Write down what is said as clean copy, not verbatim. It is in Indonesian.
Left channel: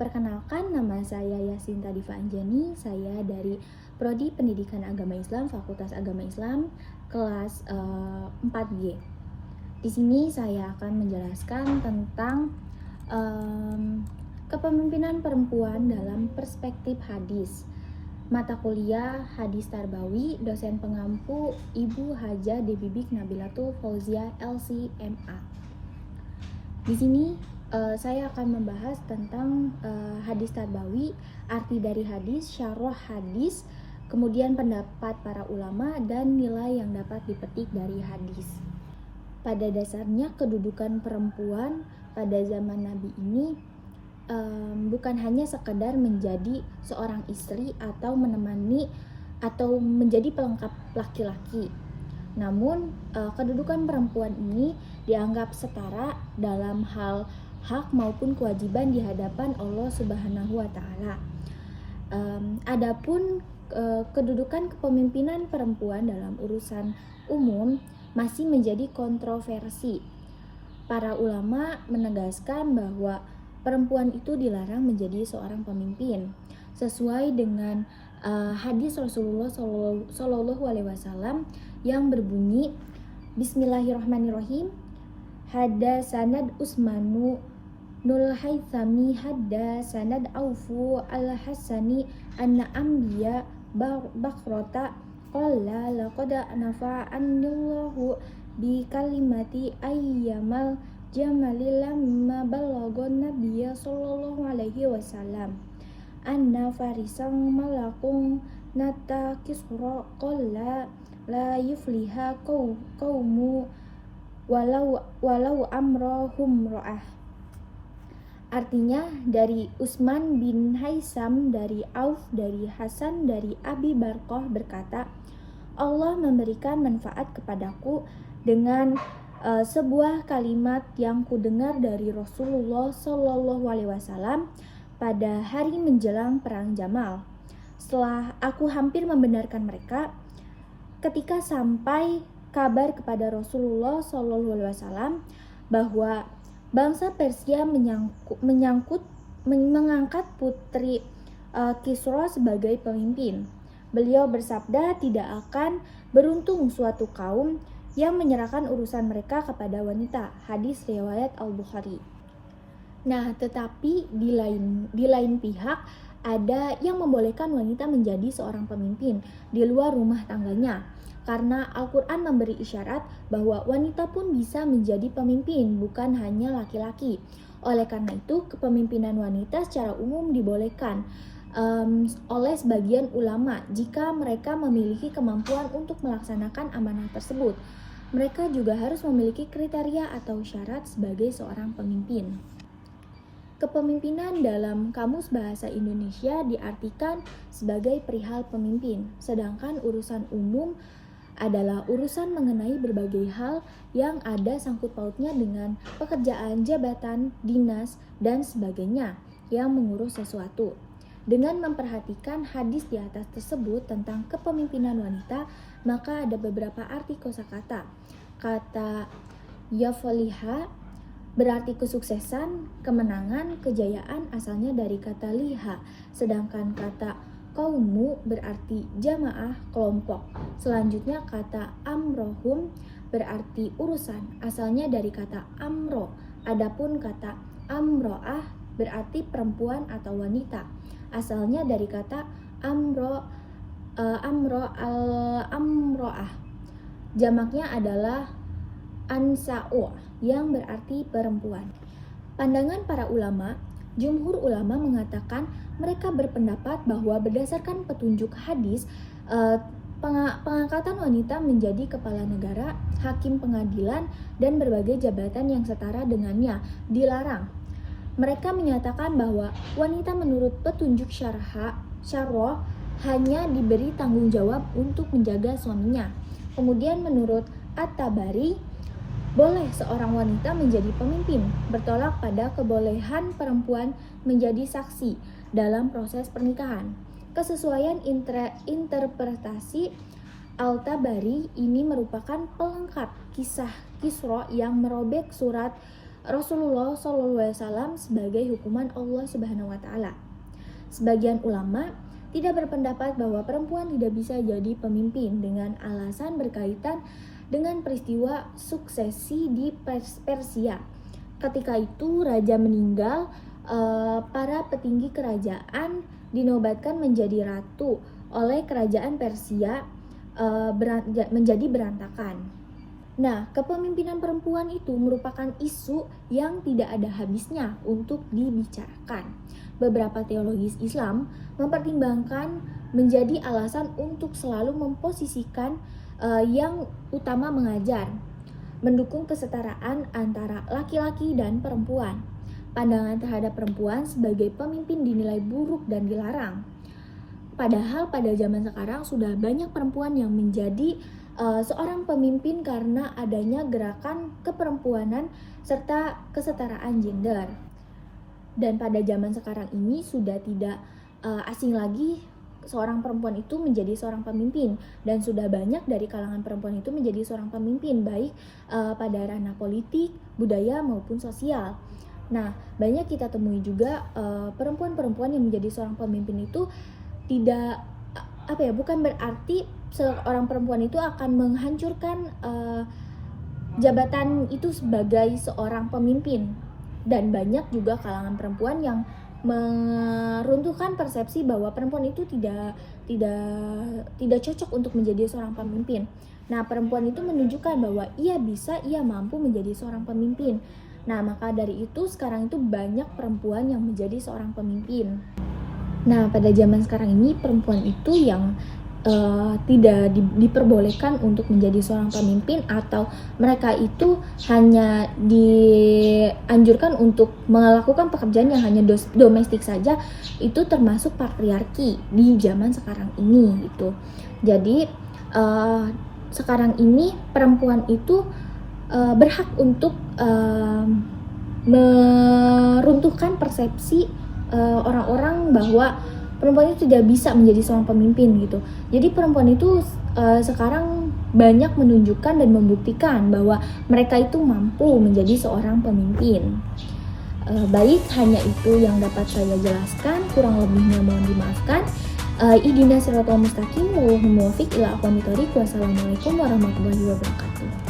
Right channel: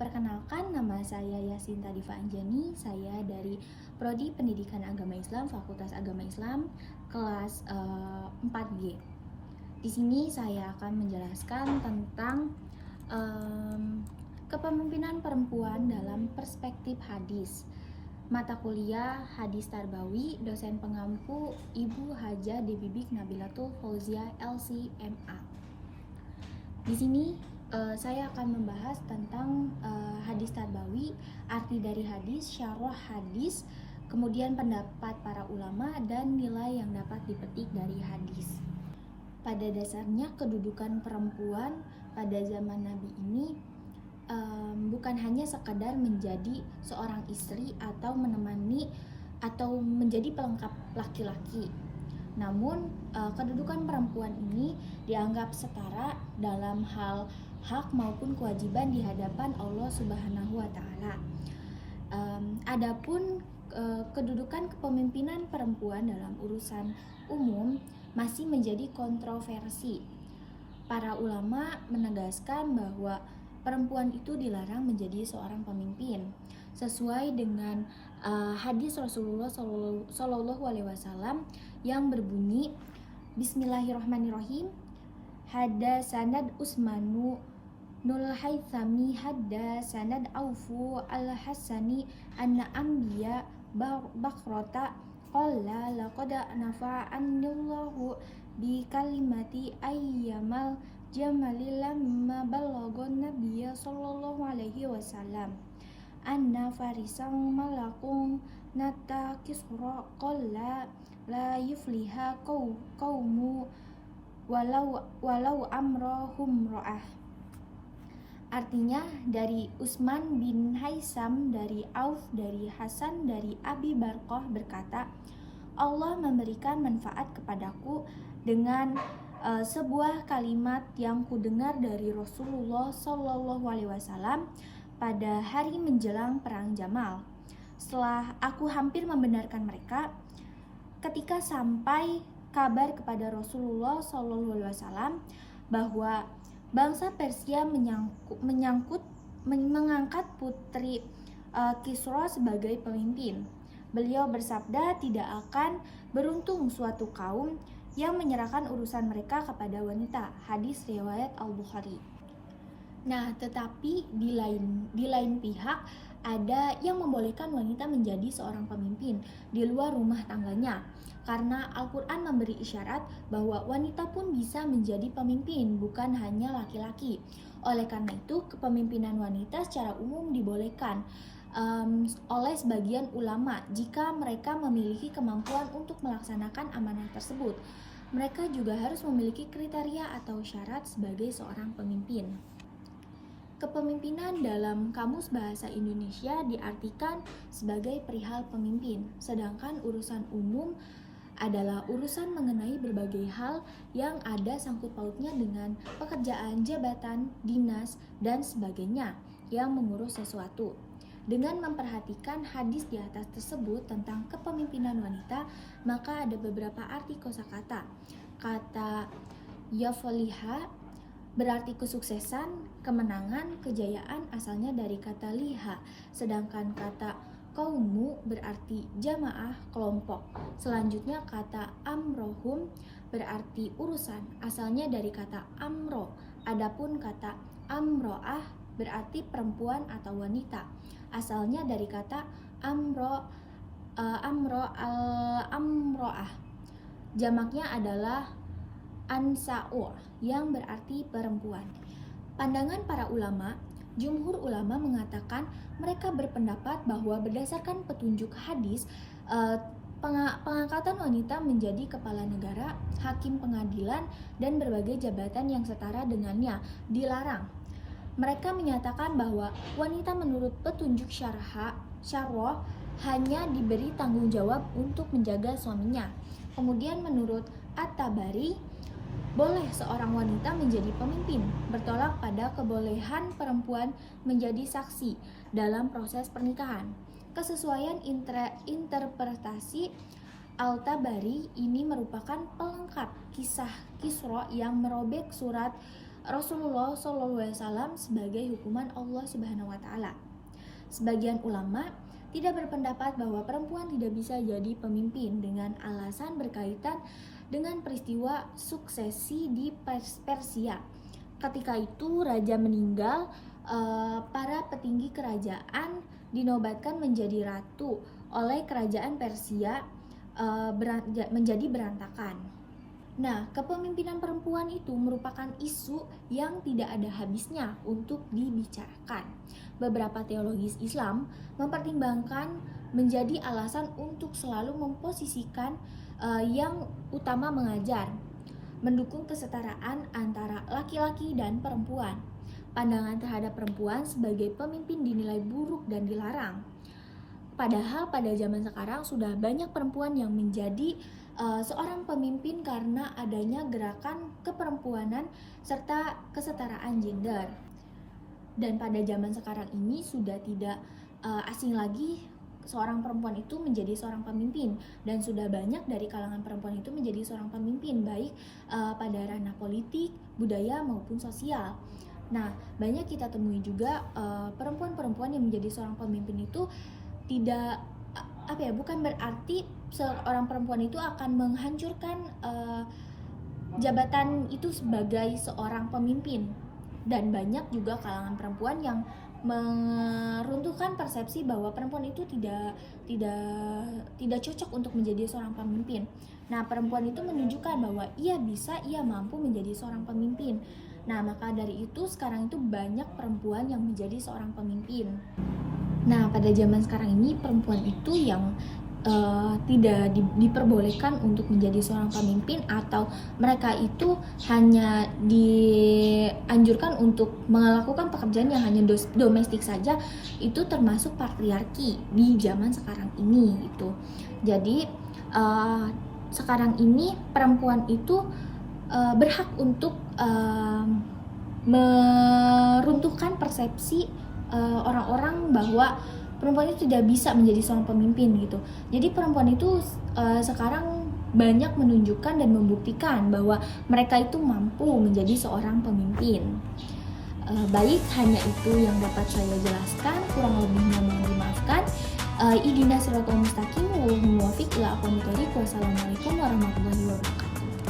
Perkenalkan, nama saya Yasinta Diva Anjani. Saya dari Prodi Pendidikan Agama Islam, Fakultas Agama Islam, kelas 4G. Di sini saya akan menjelaskan tentang kepemimpinan perempuan dalam perspektif hadis. Mata kuliah Hadis Tarbawi, dosen pengampu Ibu Hajah Debibik Nabilatul Fauzia LC.MA. Di sini saya akan membahas tentang hadis tarbawi, arti dari hadis, syarah hadis, kemudian pendapat para ulama, dan nilai yang dapat dipetik dari hadis. Pada dasarnya kedudukan perempuan pada zaman Nabi ini bukan hanya sekadar menjadi seorang istri atau menemani atau menjadi pelengkap laki-laki. Namun kedudukan perempuan ini dianggap setara dalam hal hak maupun kewajiban di hadapan Allah Subhanahu wa Ta'ala. Adapun kedudukan kepemimpinan perempuan dalam urusan umum masih menjadi kontroversi. Para ulama menegaskan bahwa perempuan itu dilarang menjadi seorang pemimpin sesuai dengan hadis Rasulullah Shallallahu Alaihi Wasallam yang berbunyi, Bismillahirrahmanirrahim, Hadasanad Usmanu Nul Haythami Hadasanad Aufu Al-Hasani Anna Ambiya Bakrota Qala laqad nafa'anillahu bi kalimati ayyamal jamali lamma balagon nabiyya sallallahu alaihi wasallam anna farisang malakung nata kisra qalla la yufliha qaumu walau amrohum ro'ah. Artinya dari Utsman bin Haisam, dari Auf, dari Hasan, dari Abi Barqah berkata, Allah memberikan manfaat kepadaku dengan sebuah kalimat yang kudengar dari Rasulullah Shallallahu Alaihi Wasallam pada hari menjelang perang Jamal. Setelah aku hampir membenarkan mereka, ketika sampai kabar kepada Rasulullah SAW bahwa bangsa Persia mengangkat putri Kisra sebagai pemimpin. Beliau bersabda, tidak akan beruntung suatu kaum yang menyerahkan urusan mereka kepada wanita. Hadis riwayat Al-Bukhari. Nah, tetapi di lain pihak ada yang membolehkan wanita menjadi seorang pemimpin di luar rumah tangganya. Karena Al-Quran memberi isyarat bahwa wanita pun bisa menjadi pemimpin, bukan hanya laki-laki. Oleh karena itu, kepemimpinan wanita secara umum dibolehkan oleh sebagian ulama jika mereka memiliki kemampuan untuk melaksanakan amanah tersebut. Mereka juga harus memiliki kriteria atau syarat sebagai seorang pemimpin. Kepemimpinan dalam Kamus Bahasa Indonesia diartikan sebagai perihal pemimpin, sedangkan urusan umum adalah urusan mengenai berbagai hal yang ada sangkut pautnya dengan pekerjaan, jabatan, dinas, dan sebagainya yang mengurus sesuatu. Dengan memperhatikan hadis di atas tersebut tentang kepemimpinan wanita, maka ada beberapa arti kosakata. Kata yafoliha berarti kesuksesan, kemenangan, kejayaan asalnya dari kata liha, sedangkan kata kaumu berarti jamaah, kelompok. Selanjutnya kata amrohum berarti urusan, asalnya dari kata amro. Adapun kata amroah berarti perempuan atau wanita, asalnya dari kata amroah. Jamaknya adalah ansa'u yang berarti perempuan. Pandangan para ulama, jumhur ulama mengatakan mereka berpendapat bahwa berdasarkan petunjuk hadis, pengangkatan wanita menjadi kepala negara, hakim pengadilan, dan berbagai jabatan yang setara dengannya dilarang. Mereka menyatakan bahwa wanita menurut petunjuk syarah hanya diberi tanggung jawab untuk menjaga suaminya. Kemudian menurut At-Tabari, boleh seorang wanita menjadi pemimpin, bertolak pada kebolehan perempuan menjadi saksi dalam proses pernikahan. Kesesuaian interpretasi Al-Tabari ini merupakan pelengkap kisah Kisra yang merobek surat Rasulullah SAW sebagai hukuman Allah Subhanahu wa taala. Sebagian ulama tidak berpendapat bahwa perempuan tidak bisa jadi pemimpin dengan alasan berkaitan dengan peristiwa suksesi di Persia. Ketika itu raja meninggal, para petinggi kerajaan dinobatkan menjadi ratu oleh kerajaan Persia, menjadi berantakan. Nah, kepemimpinan perempuan itu merupakan isu yang tidak ada habisnya untuk dibicarakan. Beberapa teologis Islam mempertimbangkan menjadi alasan untuk selalu memposisikan yang utama mengajar, mendukung kesetaraan antara laki-laki dan perempuan. Pandangan terhadap perempuan sebagai pemimpin dinilai buruk dan dilarang. Padahal pada zaman sekarang sudah banyak perempuan yang menjadi seorang pemimpin karena adanya gerakan keperempuanan serta kesetaraan gender. Dan pada zaman sekarang ini sudah tidak asing lagi seorang perempuan itu menjadi seorang pemimpin, dan sudah banyak dari kalangan perempuan itu menjadi seorang pemimpin, baik pada ranah politik, budaya maupun sosial. Nah, banyak kita temui juga perempuan-perempuan yang menjadi seorang pemimpin itu tidak bukan berarti seorang perempuan itu akan menghancurkan jabatan itu sebagai seorang pemimpin. Dan banyak juga kalangan perempuan yang meruntuhkan persepsi bahwa perempuan itu tidak cocok untuk menjadi seorang pemimpin. Nah, perempuan itu menunjukkan bahwa ia mampu menjadi seorang pemimpin. Nah, maka dari itu sekarang itu banyak perempuan yang menjadi seorang pemimpin. Nah, pada zaman sekarang ini perempuan itu yang tidak diperbolehkan untuk menjadi seorang pemimpin, atau mereka itu hanya dianjurkan untuk melakukan pekerjaan yang hanya domestik saja, itu termasuk patriarki di zaman sekarang ini gitu. Jadi sekarang ini perempuan itu berhak untuk meruntuhkan persepsi orang-orang bahwa perempuan itu tidak bisa menjadi seorang pemimpin gitu. Jadi perempuan itu sekarang banyak menunjukkan dan membuktikan bahwa mereka itu mampu menjadi seorang pemimpin. Baik, hanya itu yang dapat saya jelaskan, kurang lebihnya mohon dimaafkan. Ihdinas siratal mustaqim, wallahul muwaffiq ila aqwamit thoriq. Wassalamualaikum warahmatullahi wabarakatuh.